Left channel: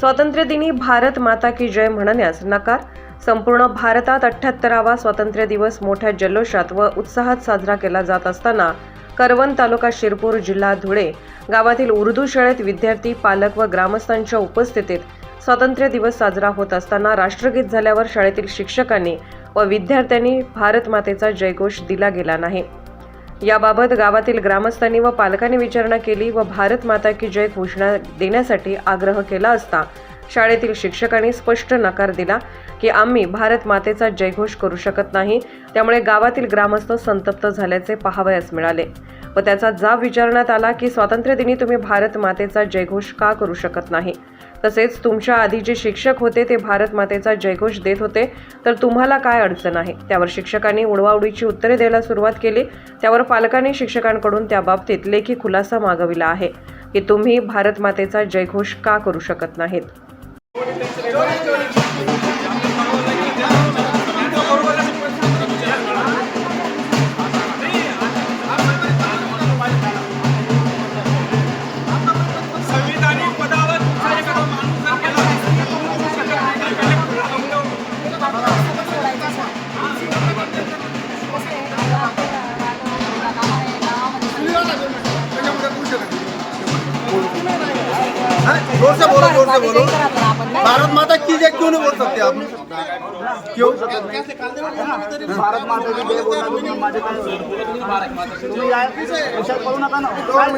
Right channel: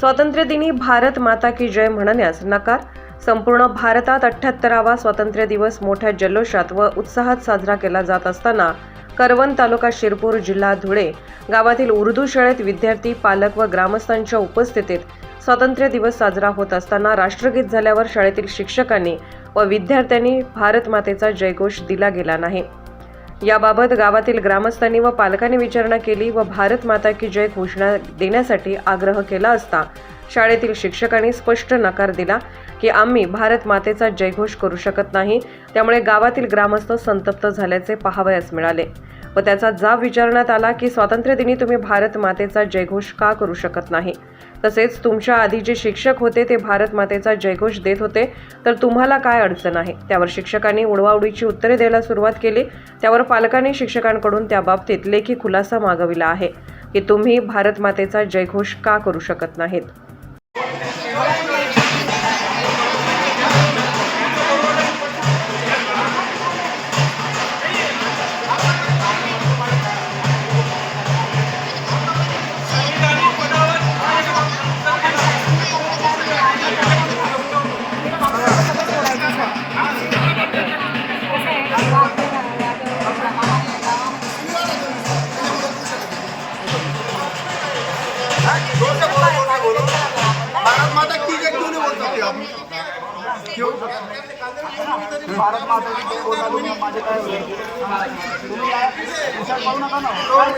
स्वातंत्र्यदिनी भारत माता की जय म्हणण्यास नकार. संपूर्ण भारतात अठ्ठ्याहत्तरावा स्वातंत्र्य दिवस मोठ्या जल्लोषात व उत्साहात साजरा केला जात असताना करवण तालुका शिरपूर जिल्हा धुळे गावातील उर्दू शाळेत विद्यार्थी पालक व ग्रामस्थांच्या उपस्थितीत स्वातंत्र्य दिवस साजरा होत असताना राष्ट्रगीत झाल्यावर शाळेतील शिक्षकांनी व विद्यार्थ्यांनी भारत मातेचा जयघोष दिला गेला नाही. याबाबत गावातील ग्रामस्थांनी व पालकांनी विचारणा केली व भारत माता की जय घोषणा देण्यासाठी आग्रह केला असता शाळेतील शिक्षकांनी स्पष्ट नकार दिला की आम्ही भारत मातेचा जयघोष करू शकत नाही त्यामुळे गावातील ग्रामस्थ संतप्त झाल्याचे पाहावयास मिळाले व त्याचा जाब विचारण्यात आला की स्वातंत्र्यदिनी तुम्ही भारत मातेचा जयघोष का करू शकत नाही? तसेच तुमच्या आधी जे शिक्षक होते ते भारत मातेचा जयघोष देत होते. तर तुम्हाला काय अडचण आहे? त्यावर शिक्षकांनी उडवाउडीची उत्तरे द्यायला सुरुवात केली. त्यावर पालकांनी शिक्षकांकडून त्याबाबतीत लेखी खुलासा मागविला आहे. की तुम्ही भारत मातेचा जयघोष का करू शकत नाहीत? হ্যাঁ বলুন বলতে বলো भारत माता की जय क्यों नहीं बोल सकते आप? क्यों? भारत माता की जय बोलला तुम्ही माझे काय होईल? तुम्ही या विचार करू नका ना. काय?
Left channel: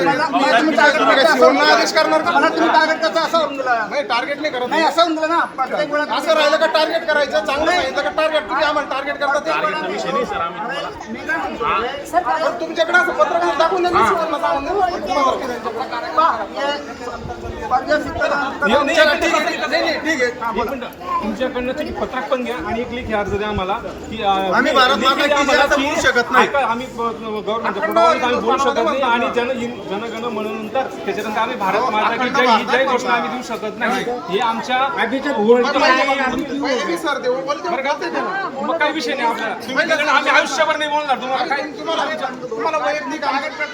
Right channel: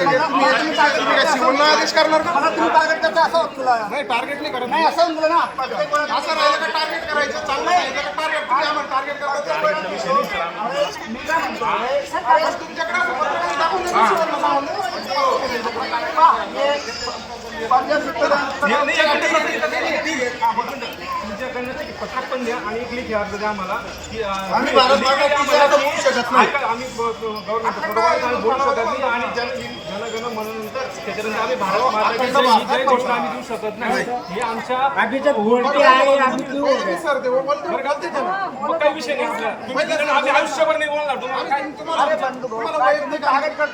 मला- मला तुम्ही टार्गेट करता असं होऊन गेलं. मला तुम्ही टार्गेट करता असं होऊन गेलं. नाही टार्गेट नाही करत. नाही असं होऊन गेलं ना. प्रत्येक वेळा असं राहिलं का टार्गेट करायचं? चांगलं सांगितलं का टार्गेट तुम्ही आम्हाला टार्गेट करता ते. अरे मी काय म्हणतो? अरे, पण तुमच्याकडे असं पत्रकार दाखवून ना, शिवाय. तुम्हाला आहे. पहा, हे पंजाब सित्तर- आहे, आहे, आहे. हा. तुमच्याकडनं ते पत्रक पण द्या आणि एक लेखी अर्ज द्या आम्हाला की अं, आम्ही भारत माता लेखी की जय आम्हाला आता म्हणू शकत नाही. ऐका, आम्ही गव्हर्नमेंट प्रोटोकॉल आम्ही बोलू शकत नाही आणि जन जनगण म्हणूनंतर त्याच्यानंतर आम्ही भारत माता की जय ही जय घोषणा आम्ही देऊ शकत नाही हे आमच्या बोलते मी सर, ते बोलते बरं का? मग काही विषय नाही आपल्याला तुम्ही दिलं ना, आम्ही आयुष्यभर नाही बोलणार तुम्हाला काय तुम्ही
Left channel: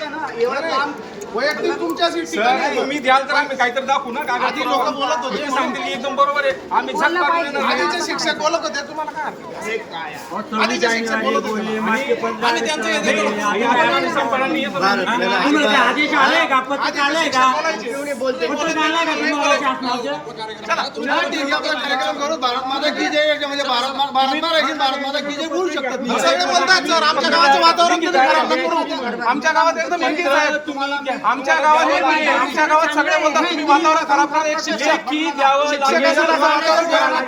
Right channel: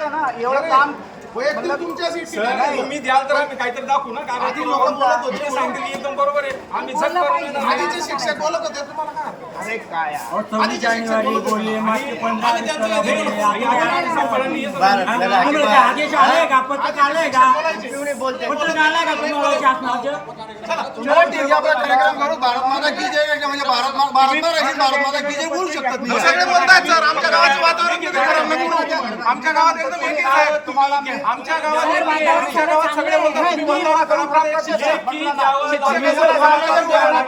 ना एवढं काम वैयक्तिक तुमच्याशी ठीक आहे. सर तुम्ही द्याल तर आम्ही काहीतरी दाखवू ना काय आधी लोकं बोलत होते. ते सांगतील एकदम बरोबर आहे आम्ही. आधीचे शिक्षक बोलत होते तुम्हाला काय आहे? अरे काय यार. आधीचे शिक्षक बोलत होते. आणि त्यांचे हे बोलत होते. आणि सरकारने हे आदेश आले का पत्रक आले का क्यों बोलते पत्रक आलंय का तुम्हाला शासनाचं हो, ठीक आहे, आपला कार्यक्रम करू भारत माता की जय म्हणजे भारत मा- भारत माता आहे, भारत माता की जय बोलू शकतात तुम्ही. सगळे बोलतायत सर आमच्या गावाचं वातावरण किती खराब आहे. आमच्या गावात एकदम एकी आहे. तुम्हाला आमच्या गावात आमच्या गावात सगळे म्हणतात तुम्ही वातावरण खराब करा. लेखी द्यावं लागेल. आम्ही लोकं बोला, आमच्या- शिक्षक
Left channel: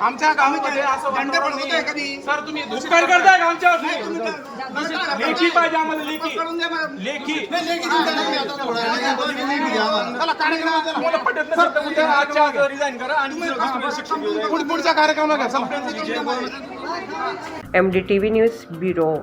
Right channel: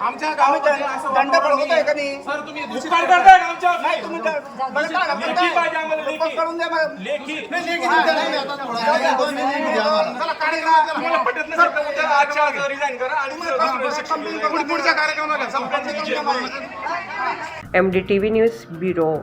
आमच्या गावामध्ये दंड पडवत आहे का नाही सर तुम्ही दुष्काळ करताय का लेखी आजच्या रिझाईन करा आणि पुढच्या कार्यक्रमाला M D T V news bureau